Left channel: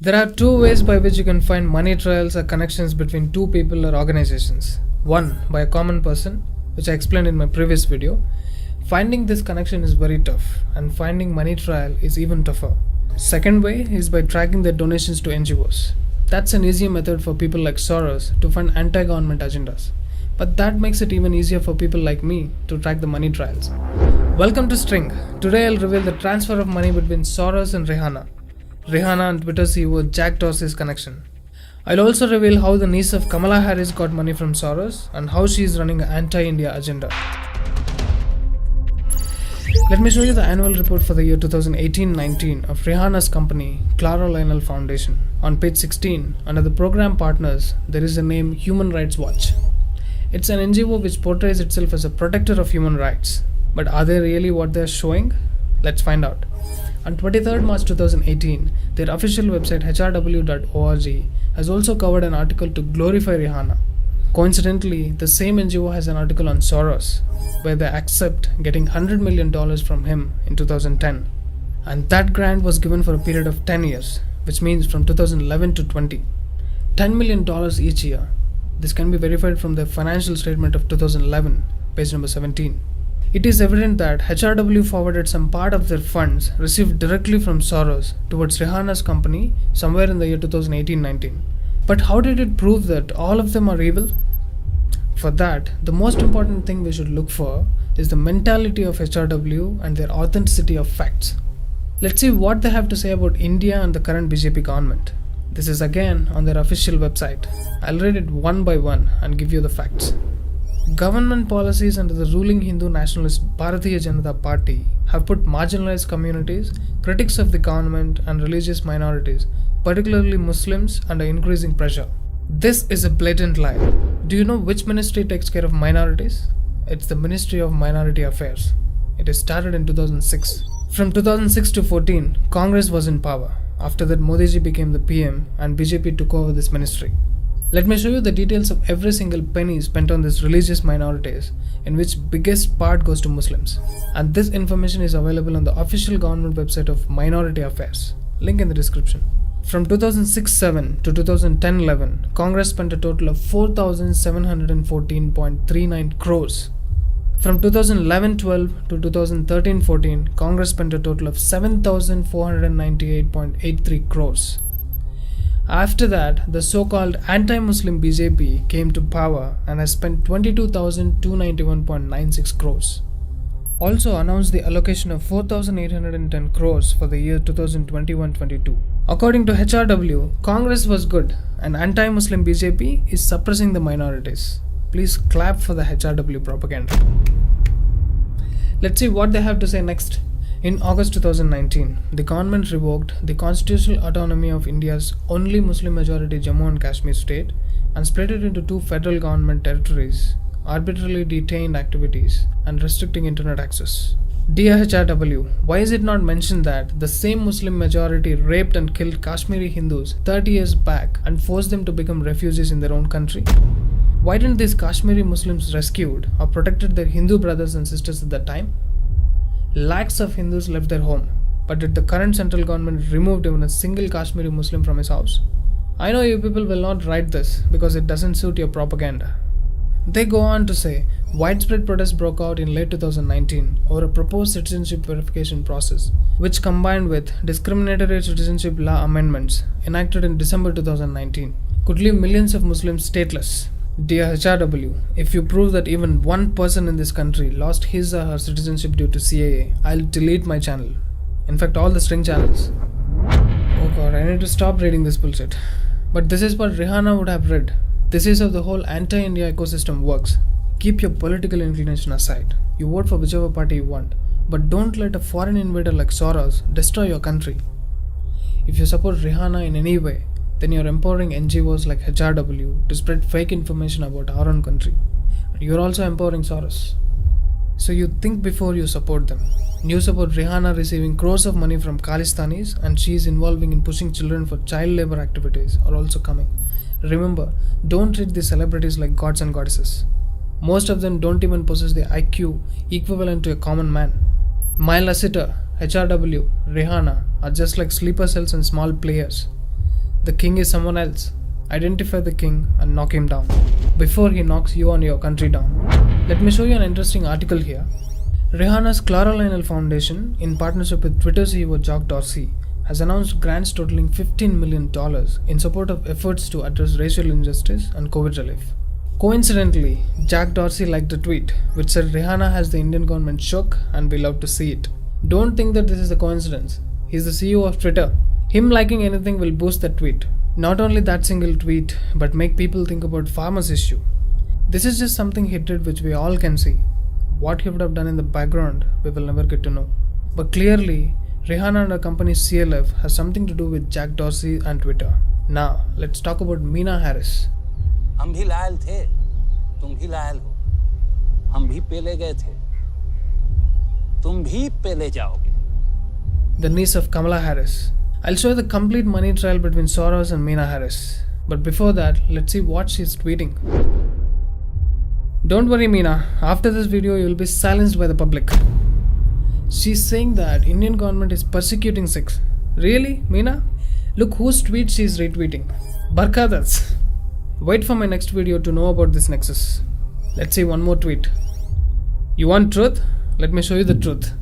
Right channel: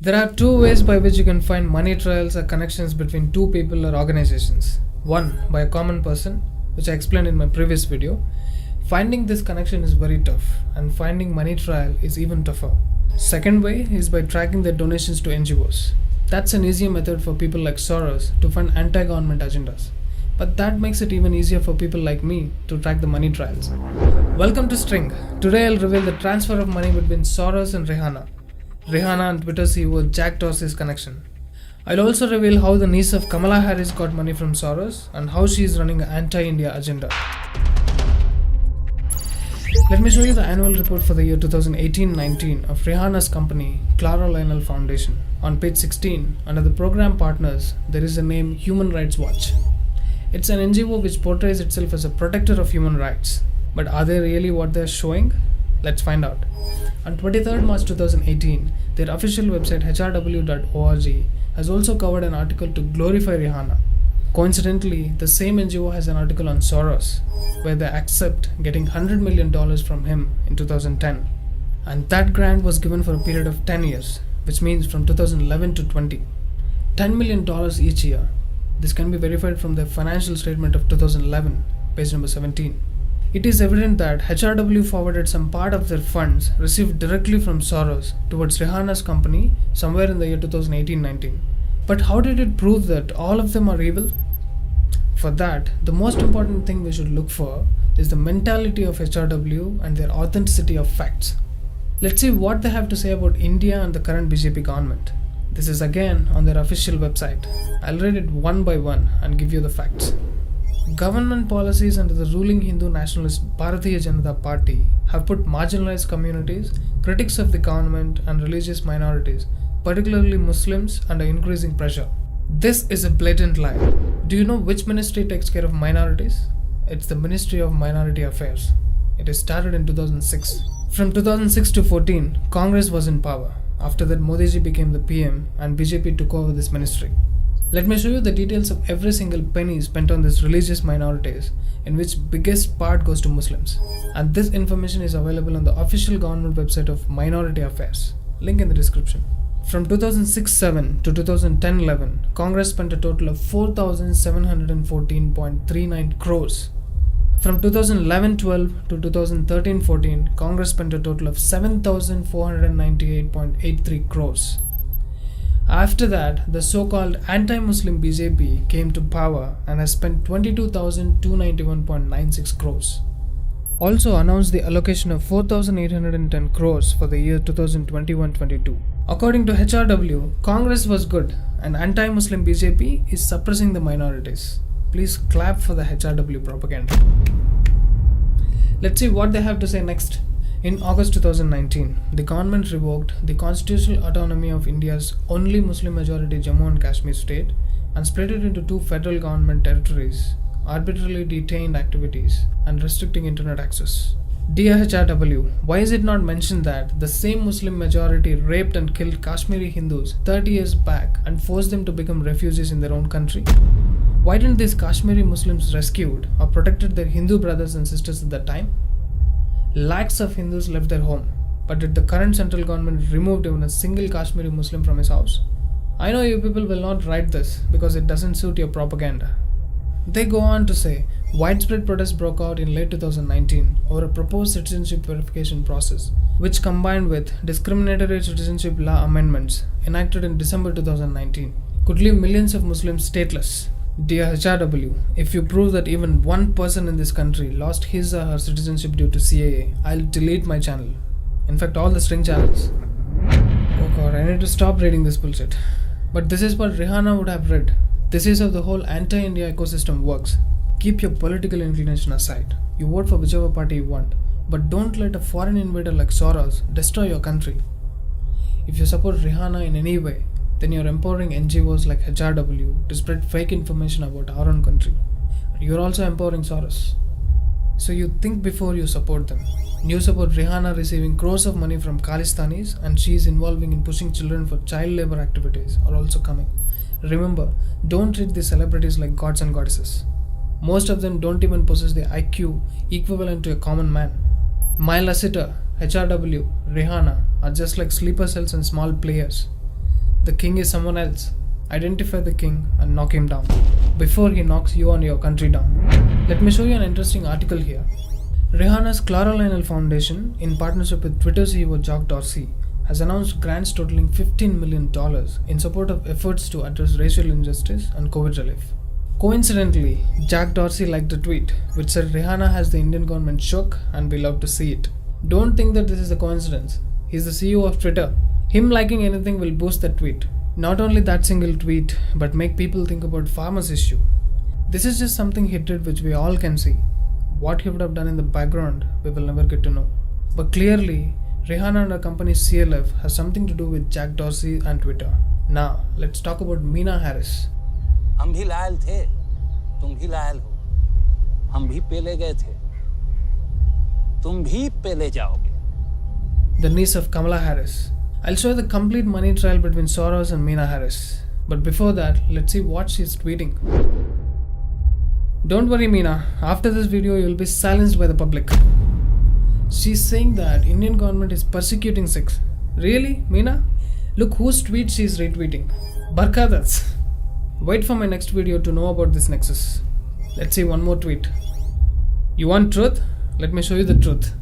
There are two ways by which you can find money trails or connections between two people or organizations. One, by a common person, which I explained in my previous video. Finding this connection is very tough, and finding money trail is even tougher. Second way is by tracking their donations to NGOs. That's an easier method for people like Soros to fund anti-government agendas. But that makes it even easier for people like me to track the money trails. Welcome to String. Today I'll reveal the transfer of money between Soros and Rihanna. Rihanna and Twitter CEO Jack Dorsey's connection. I'll also reveal how the niece of Kamala Harris got money from Soros and how she is running an anti-India agenda. Let me show you the annual report for the year 2018-19 of Rihanna's company, Clara Lionel Foundation. On page 16, under the program partners, there is the name Human Rights Watch. It's an NGO which portrays itself as a protector of human rights. But are they really what they're showing? Let's find out. On 23rd March 2018, their official website hrw.org has also covered an article to glorify Rihanna. Coincidentally, the same NGO has an article on Soros, where they accept getting $100 million from him in 2010. And that grant was given for a period of 10 years, which means from 2011 to 20. $10 million each year. This can be verified from the financial statement of 2011, page number 17. It is evident that HRW forwarded some part of their funds received directly from Soros towards Rihanna's company somewhere in the year 2018-19. But how did it prove that all of them are evil? For that, the most important thing we should look for is the mentality of HRW and their authenticity of facts. Let's see what they have to say about India and the current BJP government. This is again on their official website. I'll read it one by one and give you the facts. Government policies under the ruling Hindu nationalist Bharatiya Janata Party have put marginalized communities, critics of the government, and religious minorities, particularly Muslims, under increasing pressure. This is a blatant lie. Do you know which ministry takes care of minorities? It's the Ministry of Minority Affairs. It is started in 2006. From 2006 to 14, Congress was in power. After that, Modi ji became the PM and BJP took over this ministry. Let me show you the details of every single penny spent on these religious minorities, in which biggest part goes to Muslims. And this information is available on the official government website of Minority Affairs. Link in the description. From 2006-7 to 2010-11, Congress spent a total of 4,714.39 crores. From 2011-12 to 2013-14, Congress spent a total of 7,498.83 crores. After that, the so-called anti-Muslim BJP came to power and has spent 22,291.96 crores. Also announced the allocation of 4,810 crores for the year 2021-22. According to HRW, Congress was good and anti-Muslim BJP is suppressing the minorities. Please clap for the HRW propaganda. Let's see what they have to say next. In August 2019, the government revoked the constitutional autonomy of India's only Muslim-majority Jammu and Kashmir state and split it into two federal government territories, arbitrarily detained activities, and restricting internet access. Dear HRW, why is it not mentioned that the same Muslim majority raped and killed Kashmiri Hindus 30 years back and forced them to become refugees in their own country? Why didn't these Kashmiri Muslims rescued or protected their Hindu brothers and sisters at that time? Lakhs of Hindus left their home, but did the current central government remove even a single Kashmiri Muslim from his house? I know you people will not write this because it doesn't suit your propaganda. They go on to say, widespread protests broke out in late 2019 over a proposed citizenship verification process, which combined with discriminatory citizenship law amendments enacted in December 2019, could leave millions of Muslims stateless. Dear HRW, if you prove that even one person in this country lost his or her citizenship due to CAA, I'll delete my channel. In fact, all the String channels. Oh god, I need to stop reading this bullshit. But this is what Rihanna would have read. This is how the whole anti-India ecosystem works. Keep your political inclination aside. You vote for whichever party you want. But don't let a foreign invader like Soros destroy your country. If you support Rihanna in any way, then you're empowering NGOs like HRW to spread fake information about our own country. You're also empowering Soros. So you think before you support them. News about Rihanna receiving crores of money from Khalistanis and she is involving in pushing children for child labor activities are also coming. Remember, don't treat these celebrities like gods and goddesses. Most of them don't even possess the IQ equivalent to a common man. My Lasita, HRW, Rihanna are just like sleeper cells and small players. The king is someone else. Identify the king and knock him down before he knocks you and your country down. Let me show you an interesting article here. Rihanna's Clara Lionel Foundation, in partnership with Twitter CEO Jack Dorsey, has announced grants totaling $15 million in support of efforts to address racial injustice and COVID relief. Coincidentally, Jack Dorsey liked a tweet which said Rihanna has the Indian government shook and we love to see it. Don't think that this is a coincidence. He's the CEO of Twitter. Him liking anything will boost that tweet. Not only that single tweet, but make people think about farmers' issue. This is just something he did which we all can see. What he would have done in the background, we will never get to know. But clearly, Rihanna and her company CLF has something to do with Jack Dorsey and Twitter. Now, let's talk about Meera Harris. हम भी Lyell थे, तुम भी Lyell हो, हम भी पेले गए थे, तुम भी पेले जाओगे. The niece of Kamala Harris. I'll show you the complete money trail between Soros and Meera Harris. But before that, let's see what she's tweeting. Don't worry Meera, after this video you will be silenced by the public. She's saying that Indian government is persecuting Sikhs. Really, Meera? Look whose tweet she's retweeting. Barkadats. Wait for my next video to know about this nexus. Let's see one more tweet. You want truth? Let me show you the truth.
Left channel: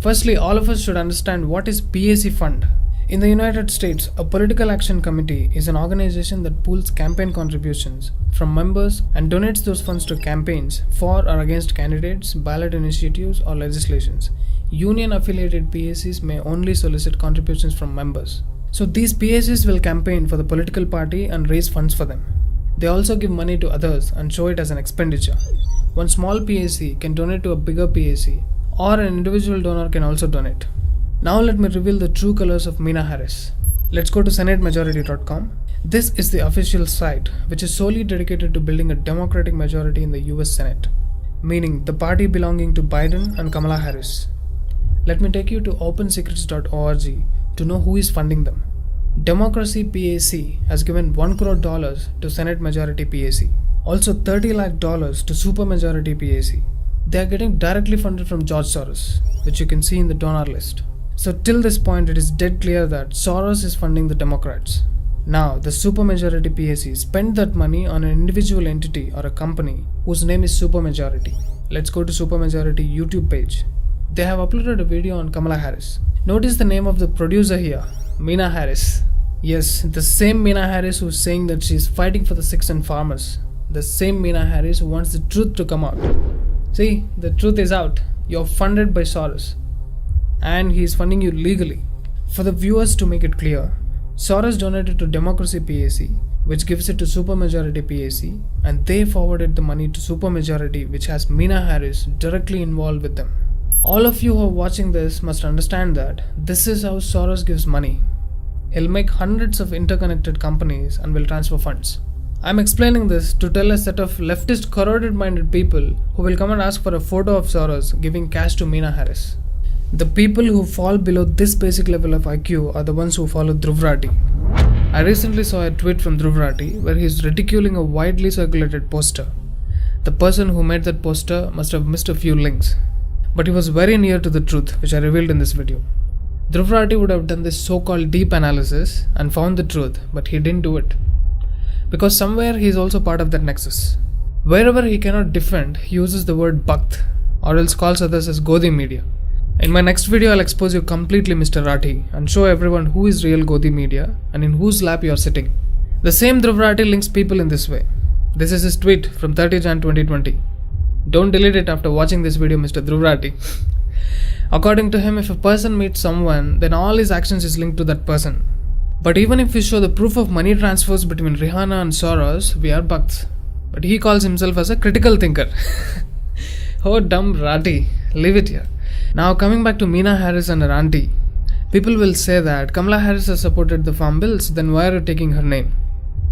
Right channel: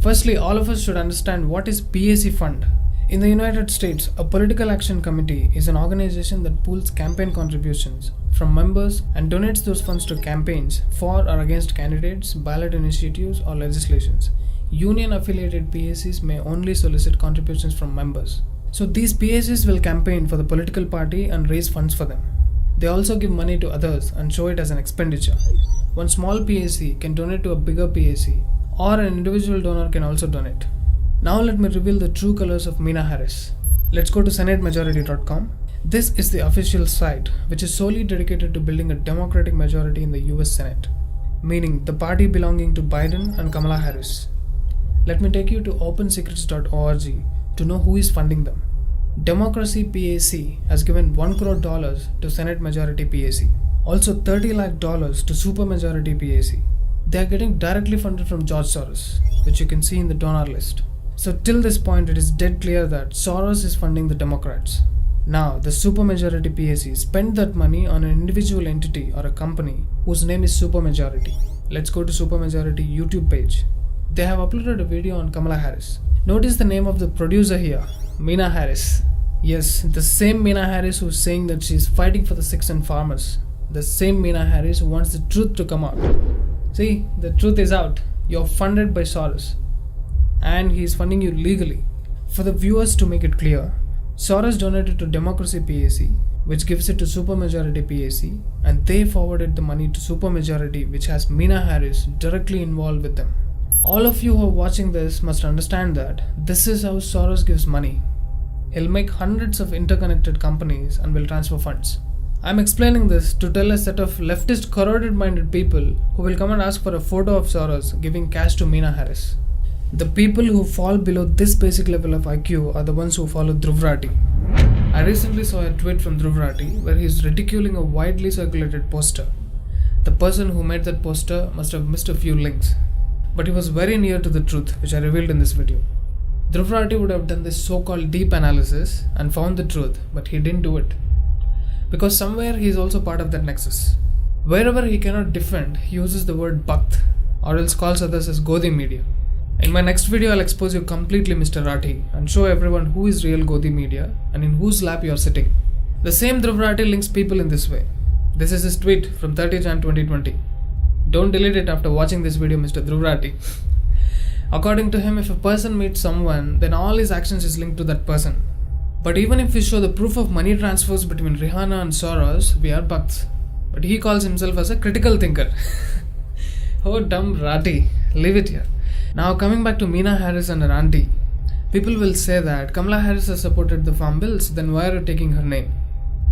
Firstly, all of us should understand what is PAC fund. In the United States, a political action committee is an organization that pools campaign contributions from members and donates those funds to campaigns for or against candidates, ballot initiatives, or legislations. Union-affiliated PACs may only solicit contributions from members. So these PACs will campaign for the political party and raise funds for them. They also give money to others and show it as an expenditure. One small PAC can donate to a bigger PAC, or an individual donor can also donate. Now let me reveal the true colors of Meera Harris. Let's go to senatemajority.com. This is the official site which is solely dedicated to building a democratic majority in the US Senate, meaning the party belonging to Biden and Kamala Harris. Let me take you to opensecrets.org to know who is funding them. Democracy PAC has given $1 crore to Senate Majority PAC. Also $30 lakh to Supermajority PAC. They are getting directly funded from George Soros, which you can see in the donor list. So till this point it is dead clear that Soros is funding the Democrats. Now the Supermajority PAC spent that money on an individual entity or a company whose name is Supermajority. Let's go to Supermajority YouTube page. They have uploaded a video on Kamala Harris. Notice the name of the producer here, Meera Harris. Yes, the same Meera Harris who's saying that she's fighting for the Sikhs and farmers. The same Meera Harris who wants the truth to come out. See, the truth is out. You're funded by Soros. And he is funding you legally. For the viewers to make it clear, Soros donated to Democracy PAC, which gives it to Supermajority PAC, and they forwarded the money to Supermajority, which has Meera Harris directly involved with them. All of you who are watching this must understand that this is how Soros gives money. He'll make hundreds of interconnected companies and will transfer funds. I'm explaining this to tell a set of leftist corroded-minded people who will come and ask for a photo of Soros giving cash to Meera Harris. The people who fall below this basic level of IQ are the ones who follow Dhruv Rathi. I recently saw a tweet from Dhruv Rathi where he is ridiculing a widely circulated poster. The person who made that poster must have missed a few links. But he was very near to the truth, which I revealed in this video. Dhruv Rathi would have done this so-called deep analysis and found the truth, but he didn't do it. Because somewhere he is also part of that nexus. Wherever he cannot defend, he uses the word Bhakt, or else calls others as Godi media. In my next video, I'll expose you completely, Mr. Rathi, and show everyone who is real Godi media and in whose lap you are sitting. The same Dhruv Rathi links people in this way. This is his tweet from 30 Jan 2020. Don't delete it after watching this video, Mr. Dhruv Rathi. According to him, if a person meets someone, then all his actions is linked to that person. But even if we show the proof of money transfers between Rihanna and Soros, we are Bhakts. But he calls himself as a critical thinker. Oh, dumb Rathi. Leave it here. Now coming back to Meera Harris and her auntie. People will say that Kamala Harris has supported the farm bills, then why are you taking her name?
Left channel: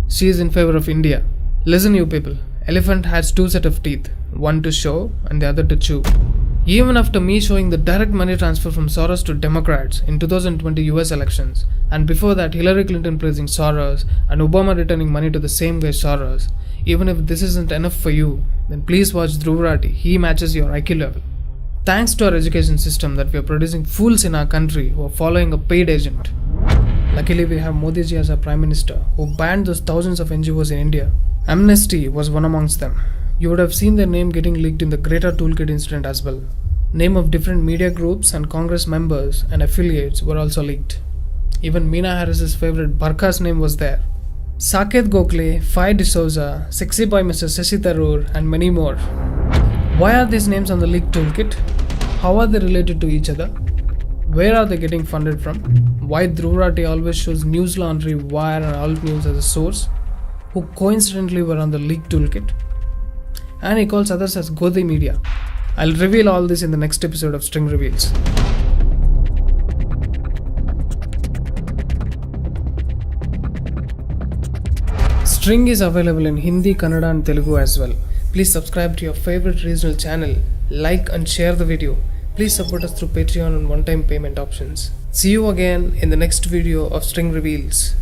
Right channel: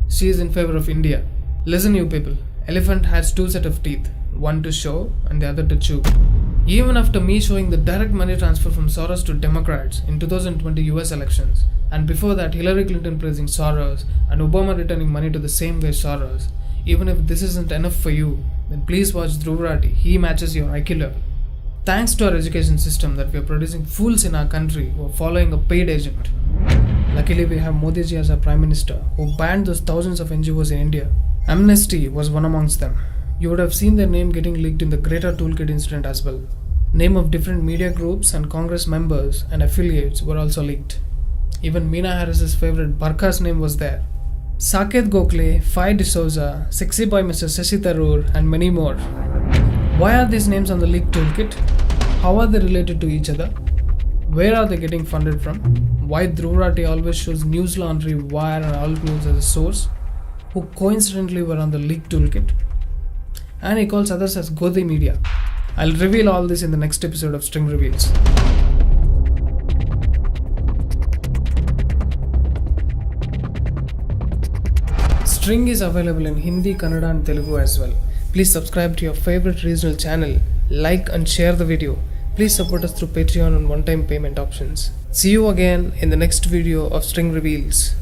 She is in favor of India. Listen you people, elephant has two sets of teeth, one to show and the other to chew. Even after me showing the direct money transfer from Soros to Democrats in 2020 US elections, and before that Hillary Clinton praising Soros and Obama returning money to the same way Soros, even if this isn't enough for you, then please watch Dhruv Rathi, he matches your IQ level. Thanks to our education system that we are producing fools in our country who are following a paid agent. Luckily, we have Modi ji as our Prime Minister, who banned those thousands of NGOs in India. Amnesty was one amongst them. You would have seen their name getting leaked in the Greater Toolkit incident as well. Name of different media groups and Congress members and affiliates were also leaked. Even Meena Harris's favorite Barkha's name was there. Saket Gokhale, Fai D'Souza, Sexy Boy Mr. Shashi Tharoor, and many more. Why are these names on the leaked toolkit? How are they related to each other? Where are they getting funded from? Why Dhruv Rathi always shows News Laundry, Wire and Alt News as a source, who coincidentally were on the leaked toolkit? And he calls others as Godi Media. I'll reveal all this in the next episode of String Reveals. String is available in Hindi, Kannada and Telugu as well. Please subscribe to your favorite regional channel, like and share the video. Please support us through Patreon and one-time payment options. See you again in the next video of String Reveals.